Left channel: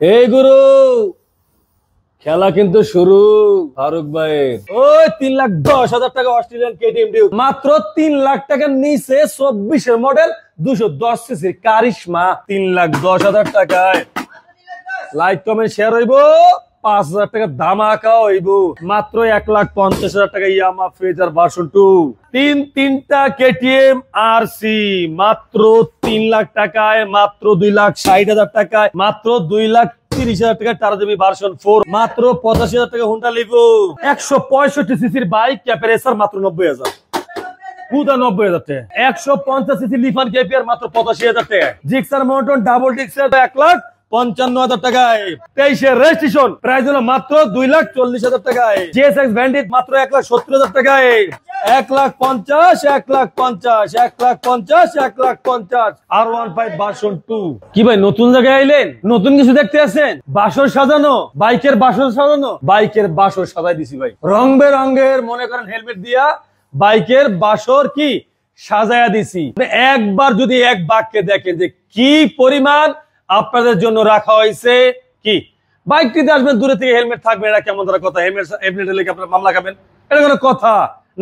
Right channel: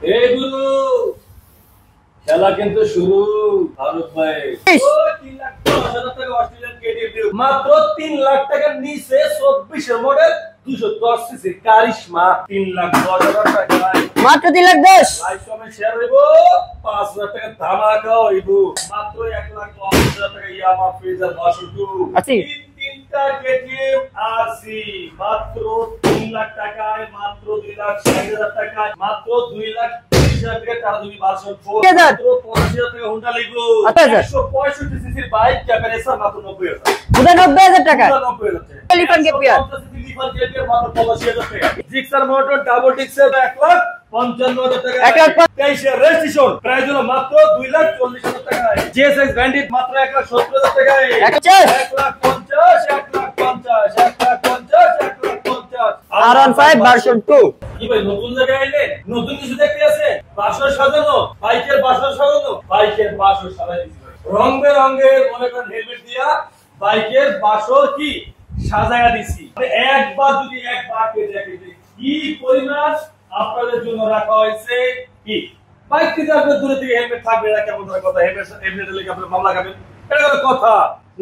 এই গুরু খেলা কিন্তু শুরু। ফারুক ভাই ওই 3,10,000 টাকা অস্ট্রেলিয়ান কেটিএম ডিউক, মাত্র 3 লাখ টাকার নিচে 24 এর মডেল 210 সিসি কারিশমা 3,10,000 টাকায়, মাত্র 3,10,000। লাইক কমেন্ট শেয়ার হইব, 5,000 টাকা ধামাকা হইব, মাত্র 1,50,000 টাকা ইয়ামা ফেজার ভার্সন 2। তিনটা কেটিএম আরসি মাত্র 3 লাখ টাকায়, মাত্র 2,60,000 টাকায়, মাত্র 2,30,000 টাকা টারাজবি ভার্সন 4, মাত্র 85,000 টাকা হোন্ডা লিগো, 165 সিসির বাইক ক্যাপারেসার মাত্র 90,000, 90,000 টাকা, 90,000 টাকা, 150 সিসি লিফান কেপিআর মাত্র 85,000 টাকা, জিক্সার মোটর ডাবল ডিক্সের 1,55,000 টাকা, 23 এর রেজিস্ট্রেশন প্রাইস হলো মাত্র 2,40,000 টাকায়, জিএসএক্স ব্যান্ডিট মাত্র 1,70,000 টাকায়, 1,50,000 R15 ভার্সন 2। কি ভাই নতুন জায়গায় আইলেন, নতুন কিছু দেখতে আছেন? বাসর সাজানো, বাইকের বাসর সাজানো, বাইকের বাসর সাজাই দিছি ভাই, রং বেরঙের মনে করেন হেলমেট দিয়া বাইকের বাসর কি সাজায়া দিছি। একবার যদি এক বাক্যে দেখেন যে কি পরিমাণ আপনাদের জন্য রাখা হয়েছে, কি বাইকটিতে আসবেন দূরে থেকে হেলমেট থাকবে, এটা কেমন ধরা কথা? হেলমেট লেগে আপনারা মামলা খাবেন, এটা কোনো কথা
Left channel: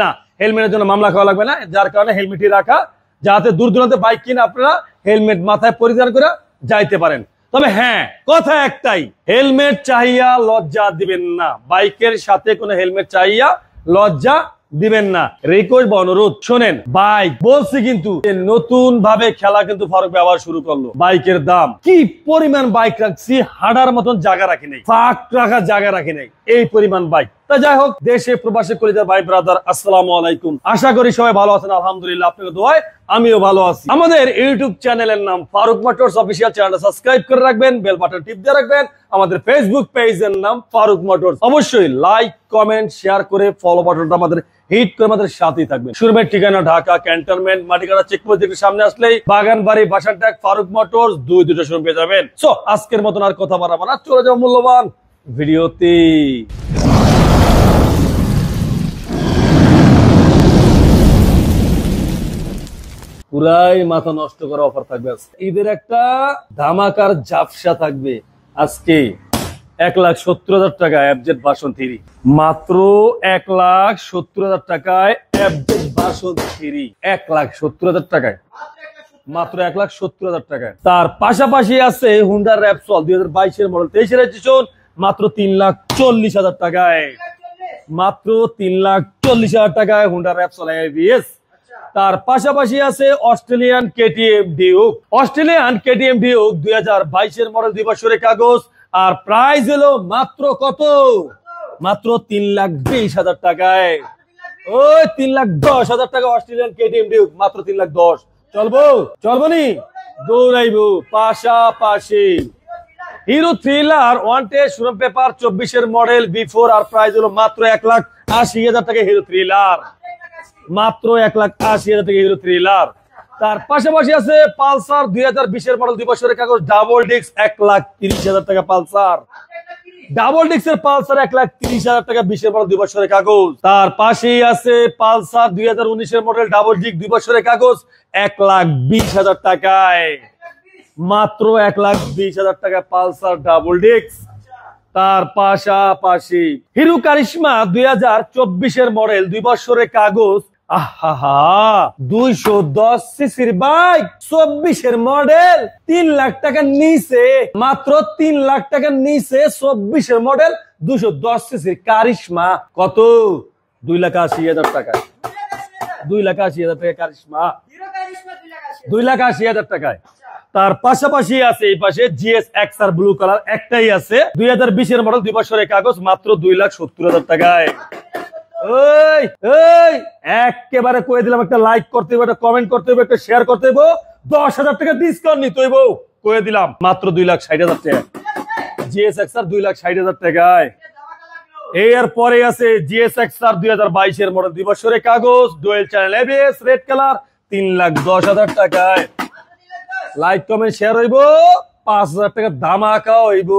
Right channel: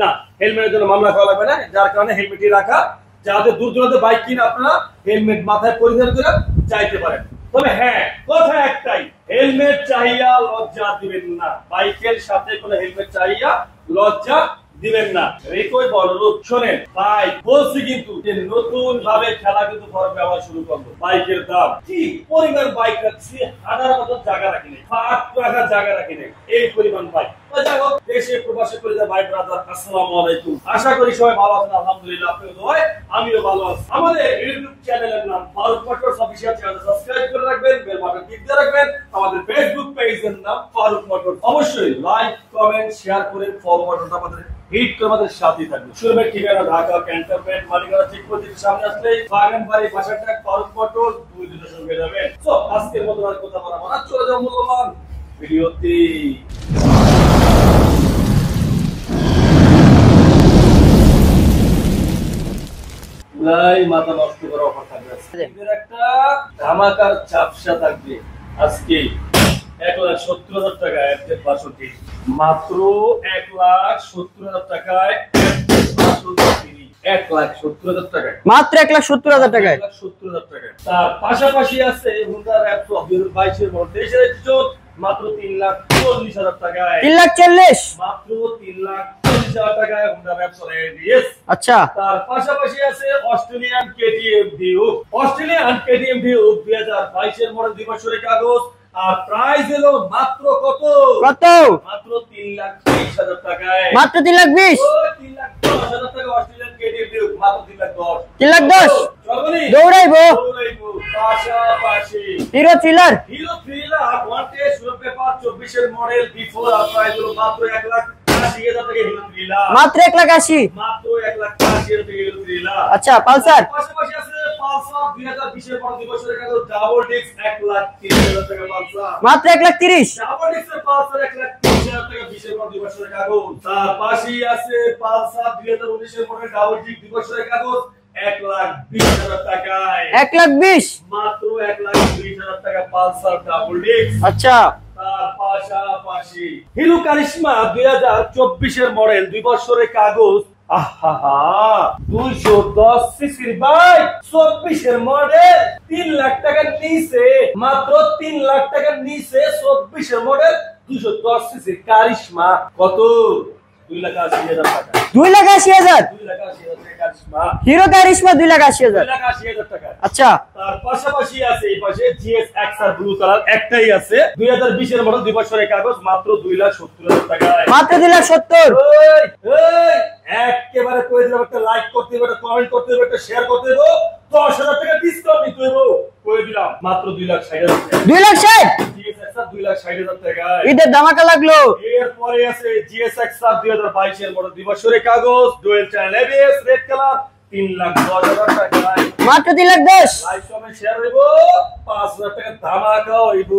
না। হেলমেটের জন্য মামলা খাওয়া লাগবে না, যার কারণে হেলমেটই রাখা, যাতে দূর দূরান্তে বাইক কিনে আপনারা হেলমেট মাথায় পরিধান করে যাইতে পারেন। তবে হ্যাঁ, কথা একটাই, হেলমেট চাইয়া লজ্জা দিবেন না, বাইকের সাথে কোনো হেলমেট চাইয়া লজ্জা দিবেন না। রিকোয়েস্ট বা অনুরোধ শোনেন, বাইক বলছি কিন্তু নতুন ভাবে খেলা কিন্তু ফারুক ব্যবহার শুরু করলো। বাইকের দাম কি পরিমাণ বাইক রাখছি, হাঁটার মতন জায়গা রাখি নেই, ফাঁক রাখার জায়গা রাখি নেই, এই পরিমাণ বাইক। তা যাই হোক, দেশে প্রবাসে কলিজা ভাই ব্রাদার, আসসালামু আলাইকুম। আশা করি সবাই ভালো আছেন, আলহামদুলিল্লাহ আপনাদের দোয়ায় আমিও ভালো আছি। আমাদের ইউটিউব চ্যানেলের নাম ফারুক মোটরস অফিসিয়াল, চ্যানেলটা সাবস্ক্রাইব করে রাখবেন, বেল বাটন টিপ দিয়ে রাখবেন। আমাদের ফেসবুক পেজের নাম ফারুক মোটরস, অবশ্যই লাইক কমেন্ট শেয়ার করে ফলো বাটনটা আমাদের হিট করে আমাদের সাথেই থাকবে। শোরুমের ঠিকানা ঢাকা ক্যান্টনমেন্ট মাটিকাটা চেকপোস্ট থেকে সামনে আসলেই বাগানবাড়ি বাসারটাক ফারুক মোটরস, দুটো শোরুম পেয়ে যাবেন। সো আজকের মতন আর কথা বাড়াবো না, চলে যাও মূল্যবান ভিডিওতে। পুরাই মাথা নষ্ট করা অফার থাকবে, ঈদের একটা ধামাকার ঝাপসা থাকবে আজকে। 1,70,000 টাকা এফজেড ভার্সন 3, মাত্র 1,70,000 টাকায় এফজেড ভার্সন 3, 1,70,000 টাকায়, মাত্র 1,70,000 টাকা, 1,70,000 টাকায়। তার পাশাপাশি আছে হুন্ডা র্যাপসল 2022 এর মডেল, 23 রেজিস্ট্রেশন, মাত্র 3,40,000 টাকায়, 3,40,000, মাত্র 3,40,000 টাকায় হুন্ডা র্যাপসল এডিএস। আচ্ছা, তার পাশাপাশি আছে Australian KTM Duke, Australian KTM Duke 2022 এর মডেল, 2 বছরের কাগজ, আর প্রাইস হলো মাত্র কত? মাত্র 3,20,000 টাকায়, মাত্র 3,20,000, ওই 3,10,000 টাকা অস্ট্রেলিয়ান কেটিএম ডিউক, মাত্র 3,10,000। 3,10,000 চলবনি, দৌড়াইবো। পাশাপাশি hero thriller wanted showroom paper 24 এর মডেল, বিফোর, আর প্রাইস হলো মাত্র 1,80,000 টাকা হিরো থ্রিলার, মাত্র 1,80,000, মাত্র 1,80,000 টাকা হিরো থ্রিলার। আচ্ছা, পালসার পাশাপাশি আছে পালসার 2020 এর মডেল, 2 বছরের কাগজ, ডাবল ডিস্ক, 1,30,000 টাকা পালসার, মাত্র 1,30,000, ডাবল ডিস্কের পালসার 1,30,000 টাকা, 20 এর মডেল, 2 বছরের কাগজ। তার পাশেই আছে পালসার 2019 এর মডেল, ডাবল ডিস্ক, 2 বছরের কাগজ, 1,20,000 টাকায়, 1,20,000, মাত্র 1,20,000 টাকা পালসার ডাবল ডিস্ক। আচ্ছা, তার পাশাপাশি হিরো কারিশমা 2024 এর মডেল, 2 বছরের কাগজ, আহা 210 সিসির বাইক, 24 এর মডেল, 3 লাখ টাকার নিচে, মাত্র 3 লাখ টাকার নিচে 24 এর মডেল 210 সিসির কারিশমা, কত? 2,80,000 টাকা, 2,80,000, 2,80,000 টাকা কারিশমা, হিরো কারিশমা 2,80,000, 2,80,000 টাকায়। আচ্ছা, তার পাশাপাশি আছে এই পাশে জিএসএক্স আর ব্লু কালার একটাই আছে, 2020 এর মডেল, 2 বছরের কাগজ, মাত্র 2,70,000 টাকায়, মাত্র 2,70,000। একেবারে কয়ে দিলাম, একটা লাইক করতে হবে, একটা কমেন্ট করতে হবে, একটা শেয়ার করতে হবে, 10,000 টাকা ডিসকাউন্ট নিতে হবে, কয়ে দিলাম মাত্র 2,60,000 টাকা, 2,60,000, জিএসএক্স আর 2,60,000 টাকায়। ঈদের ধামাকা লাগলো। এরপরে আছে জিএসএক্স আর 2022 এর মডেল, 2 বছরের কাগজ, dual channel ABS, red colour, 3,10,000 টাকায়, মাত্র 3,10,000, লাইক কমেন্ট শেয়ার হইব, 5,000 টাকা ধামাকা হইব,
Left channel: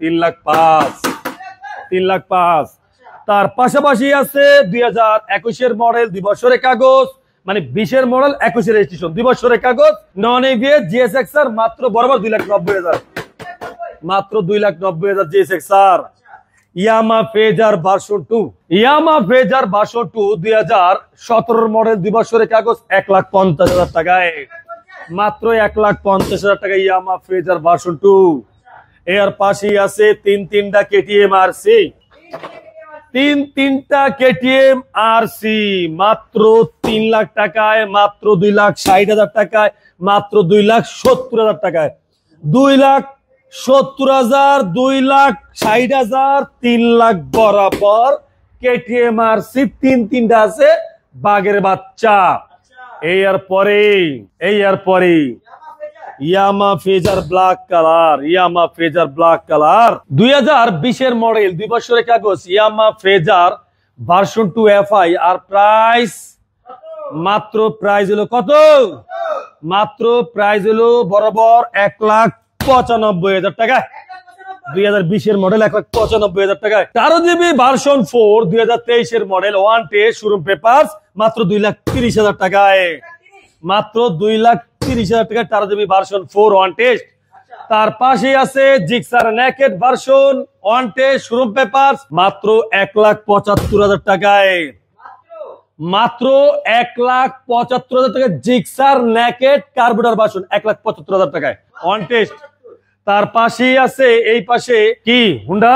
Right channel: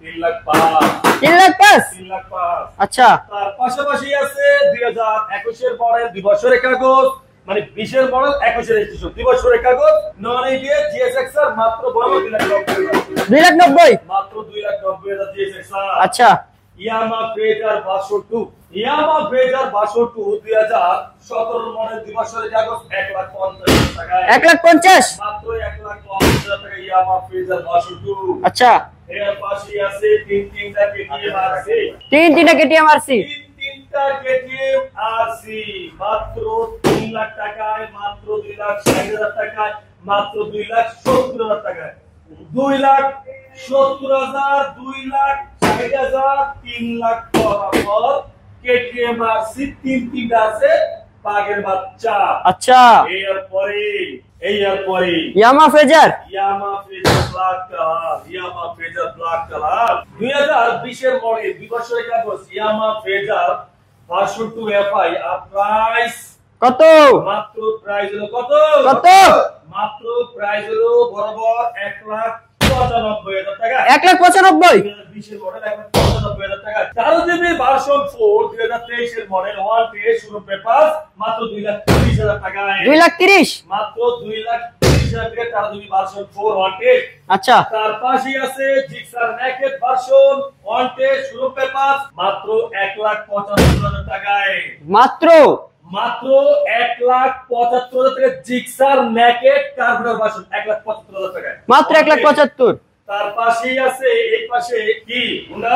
3,05,000, 3,05,000, 3,05,000। আচ্ছা, তার পাশাপাশি আছে 2021 এর মডেল, 2 বছরের কাগজ, মানে 20 এর মডেল 21 এর রেজিস্ট্রেশন 2 বছরের কাগজ নন এবিএস জিএসএক্সআর মাত্র বরাবর 2,90,000 2,90,000 মাত্র 2,90,000 জিএসএক্সআর। আচ্ছা ইয়ামা ফেজার ভার্সন 2 ইয়ামা ফেজার ভার্সন 2 2017 মডেল 2 বছরের কাগজ 1,50,000 টাকায় 1,50,000 মাত্র 1,50,000 টাকা ইয়ামা ফেজার ভার্সন 2। আচ্ছা এর পাশে আছে তিনটা কেটিএম আরসি তিনটা কেটিএম আরসি তিনটা কেটিএম আরসি মাত্র 3 লাখ টাকায় মাত্র 2,60,000 টাকায় মাত্র 2,70,000 টাকায় 2,70,000 2,60,000 3 লাখ বরাবর কেটিএম আরসি তিনটা আছে বাগের বাচ্চা। আচ্ছা এর পরে ইয়ামা ফেজার ব্ল্যাক কালার 2020 এর মডেল 2 বছরের কাগজ ইয়ামা ফেজার ভার্সন 2 এফআই আর প্রাইস কত মাত্র প্রাইস হলো কত মাত্র প্রাইস হলো বরাবর 1,95,000 টাকা 1,95,000 2020 এর মডেল 1,95,000 টাকা 13 জিবি ভার্সন 4 2023 এর model one test showroom papers মাত্র 2,30,000 টাকায় 2,30,000 মাত্র 2,30,000 টাকা 13 জিবি ভার্সন 4 ওয়ান টেস্ট। আচ্ছা তার পাশে আছে Gixxer naked version one test showroom papers মাত্র 1,75,000 টাকায় মাত্র 1,75,000 টাকা জিক্সার নেকেড কার্বুরেটর ভার্সন 1,75,000 টাকায় মাত্র 1,75,000। তার পাশেই আছে এই পাশে কি হুন্ডা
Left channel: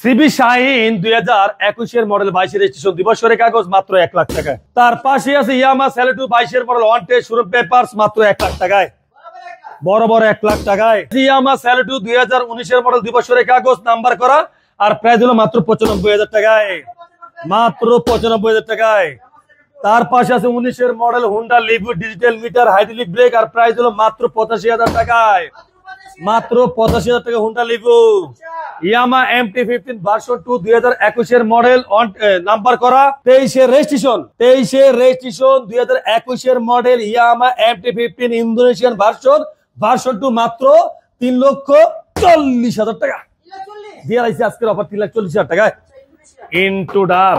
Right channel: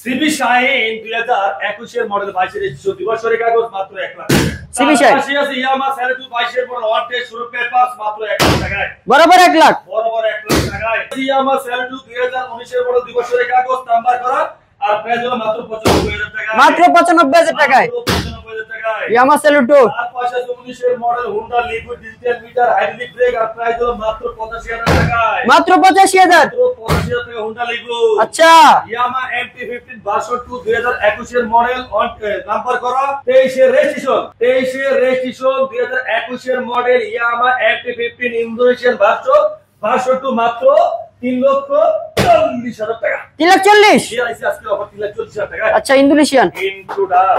সিবি শাইন 2021 এর মডেল 22 এর রেজিস্ট্রেশন 2 বছরের কাগজ মাত্র 1 লাখ টাকা। তার পাশে আছে ইয়ামা সেলেটু 22 এর model one test showroom papers মাত্র 1 লাখ টাকায় বরাবর 1 লাখ বরাবর 1 লাখ টাকায়। ইয়ামা সেলেটু 2019 এর মডেল 2 বছরের কাগজ নাম্বার করা আর প্রাইস হলো মাত্র 95,000 টাকায় মাত্র 95,000 টাকায় মাত্র 95,000 টাকায় ইয়ামা সেলেটু। তার পাশে আছে 19 এর model Honda liquid digital meter hydraulic brake আর প্রাইস হলো মাত্র 85,000 টাকায় মাত্র 85,000 মাত্র 85,000 টাকা হুন্ডা লিকুইড। আচ্ছা ইয়ামা MT-15 ভার্সন 2 2021 এর মডেল নাম্বার করা 23 এর রেজিস্ট্রেশন 2021 এর মডেল ইয়ামা MT-15 ইন্দোনেশিয়ান ভার্সন 2 মাত্র 3,40,000 টাকা 3,40,000 জিআরআইসি আজকের অফার 3,40,000 টাকায়। আচ্ছা Indonesian Intruder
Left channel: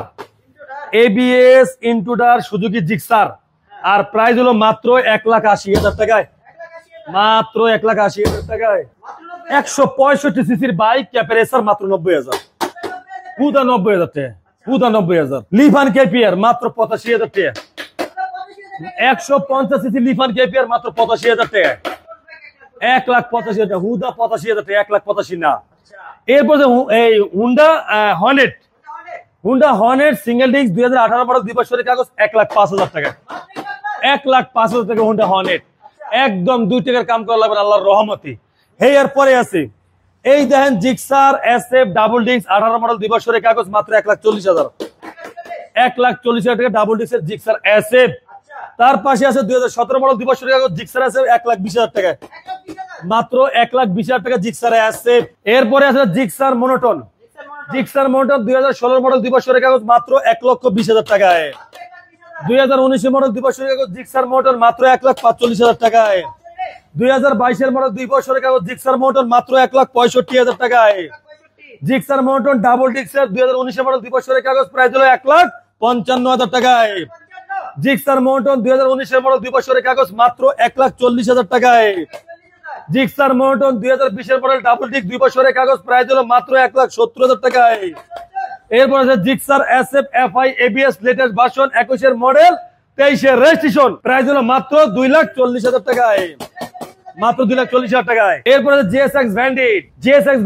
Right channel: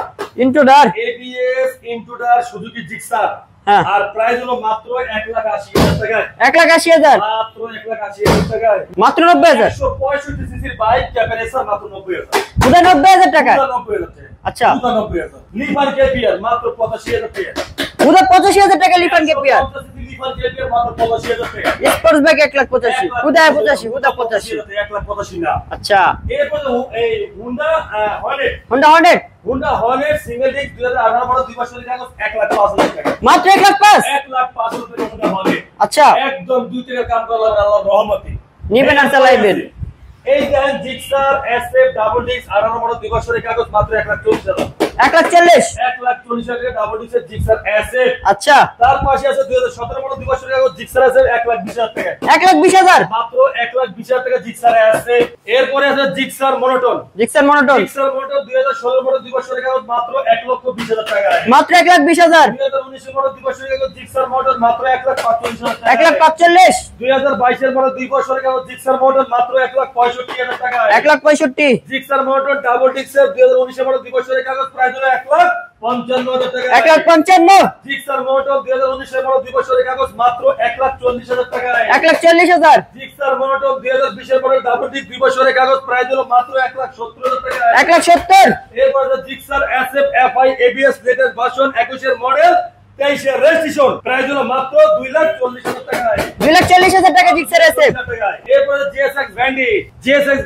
ABS Intruder Suzuki Gixxer আর প্রাইস হলো মাত্র 1,80,000 টাকায় 1,80,000 মাত্র 1,80,000 টাকায় মাত্র 90,000 165 সিসির বাইক ক্যাপারেসার মাত্র 90,000 90,000 টাকা 90,000 টাকা আচ্ছা 90,000 লিফান কেপিআর মাত্র 85,000 টাকা 85,000 টাকা লিফান কেপিআর 150 সিসি লিফান কেপিআর মাত্র 85,000 টাকা স্পোর্টস বাইক 1,85,000 1,85,000 1,85,000 না। আচ্ছা এরপরে এই Honda Hornet single disc 2018 model 2 বছরের কাগজ 1,05,000 টাকা মাত্র 1,05,000 টাকা হুন্ডা হর্নেট। আচ্ছা একদম 2 টাকার কাম করলাম আল্লাহর রহমতে নিবেন আর চালাইবেন। এই দেখেন Gixxer SF double disc 18 model 2 বছরের কাগজ মাত্র 1,40,000 1,40,000 টাকা ডাবল ডিস্কের জিক্সার এসএফ। আচ্ছা তার পাশে আছে 2017 মডেল 2 বছরের কাগজ জিক্সার এসএফ 1,20,000 টাকা 1,20,000 মাত্র 1,20,000 টাকা জিক্সার এসএফ। এরপরে আছে জিক্সার মনোটন 2016 মডেল 2 বছরের কাগজ মাত্র 1,20,000 টাকায় মাত্র 1,20,000 2019 মডেল 2 বছরের কাগজ জিক্সার মনোটন মাত্র 1,45,000 টাকায় 1,45,000 2022 এর মডেল 2 বছরের কাগজ জিক্সার মনোটন মাত্র 1,65,000 টাকায় 1,65,000 জিক্সার মনোটন ডাবল ডিস্কের 2019 এর মডেল 2 বছরের কাগজ প্রাইস হলো 1,55,000 টাকা 1,55,000 জিক্সার মনোটন 2019 এর মডেল 2 বছরের কাগজ মাত্র 1,40,000 টাকায় 1,40,000 জিক্সার মনোটন 2020 এর মডেল ডাবল ডিস্ক 2 বছরের কাগজ প্রাইস হলো মাত্র 1,70,000 টাকায় 1,70,000 এরপর আছে Gixxer SF FI ABS latest version 21 এর মডেল 23 এর রেজিস্ট্রেশন প্রাইস হলো মাত্র 2,40,000 টাকায় 2,40,000 টাকা জিক্সার এসএফ। টাকায় এরপর আছে জিএসএক্স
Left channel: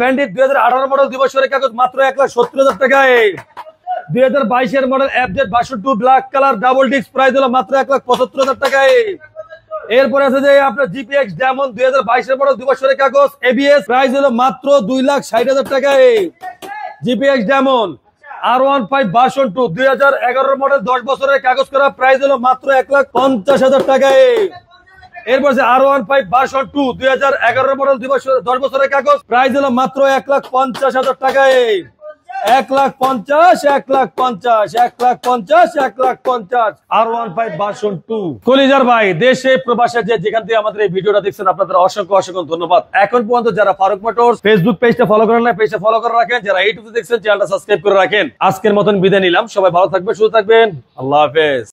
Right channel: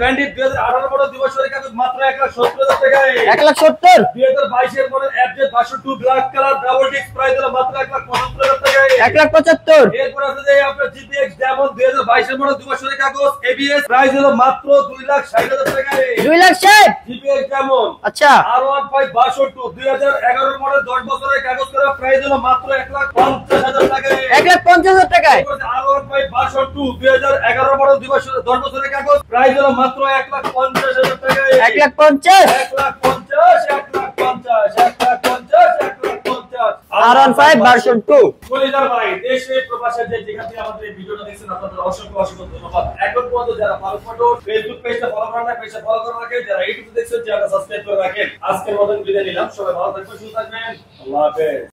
ব্যান্ডিট 2018 মডেল 2 বছরের কাগজ মাত্র 1,70,000 টাকায় 1,70,000 2022 এর model FZ version 2 black colour double disc price হলো মাত্র 1,75,000 টাকায় 1,75,000 এরপর আছে যে আপনার জিপিএক্স ডায়মন্ড 2022 এর মডেল 2 বছরের কাগজ এবিএস প্রাইস হলো মাত্র 2,60,000 টাকায় 2,60,000 জিপিএক্স ডায়মন্ড। আচ্ছা R15 ভার্সন 2 2011 মডেল 10 বছরের কাগজ করা প্রাইস হলো মাত্র 1,50,000 টাকায় 1,50,000 টাকা এরপর আছে R15 ভার্সন 2 2011 মডেল 10 বছরের কাগজ প্রাইস হলো মাত্র 1,50,000 টাকায় 1,50,000 1,50,000 R15 ভার্সন 2 কলিজার ভাই দেশে প্রবাসে যে যেখান থেকে আমাদের এই ভিডিওটা দেখছেন আপনাদের অসংখ্য ধন্যবাদ। এখন পর্যন্ত যারা ফারুক মোটরস ফেসবুক পেজটা ফলো করেন না পেজটা ফলো করে রাখেন, যারা ইউটিউবে দেখছেন চ্যানেলটা সাবস্ক্রাইব করে রাখেন। আজকের মতন বিদায় নিলাম, সবাই ভালো থাকবেন সুস্থ থাকবেন, আল্লাহ হাফেজ।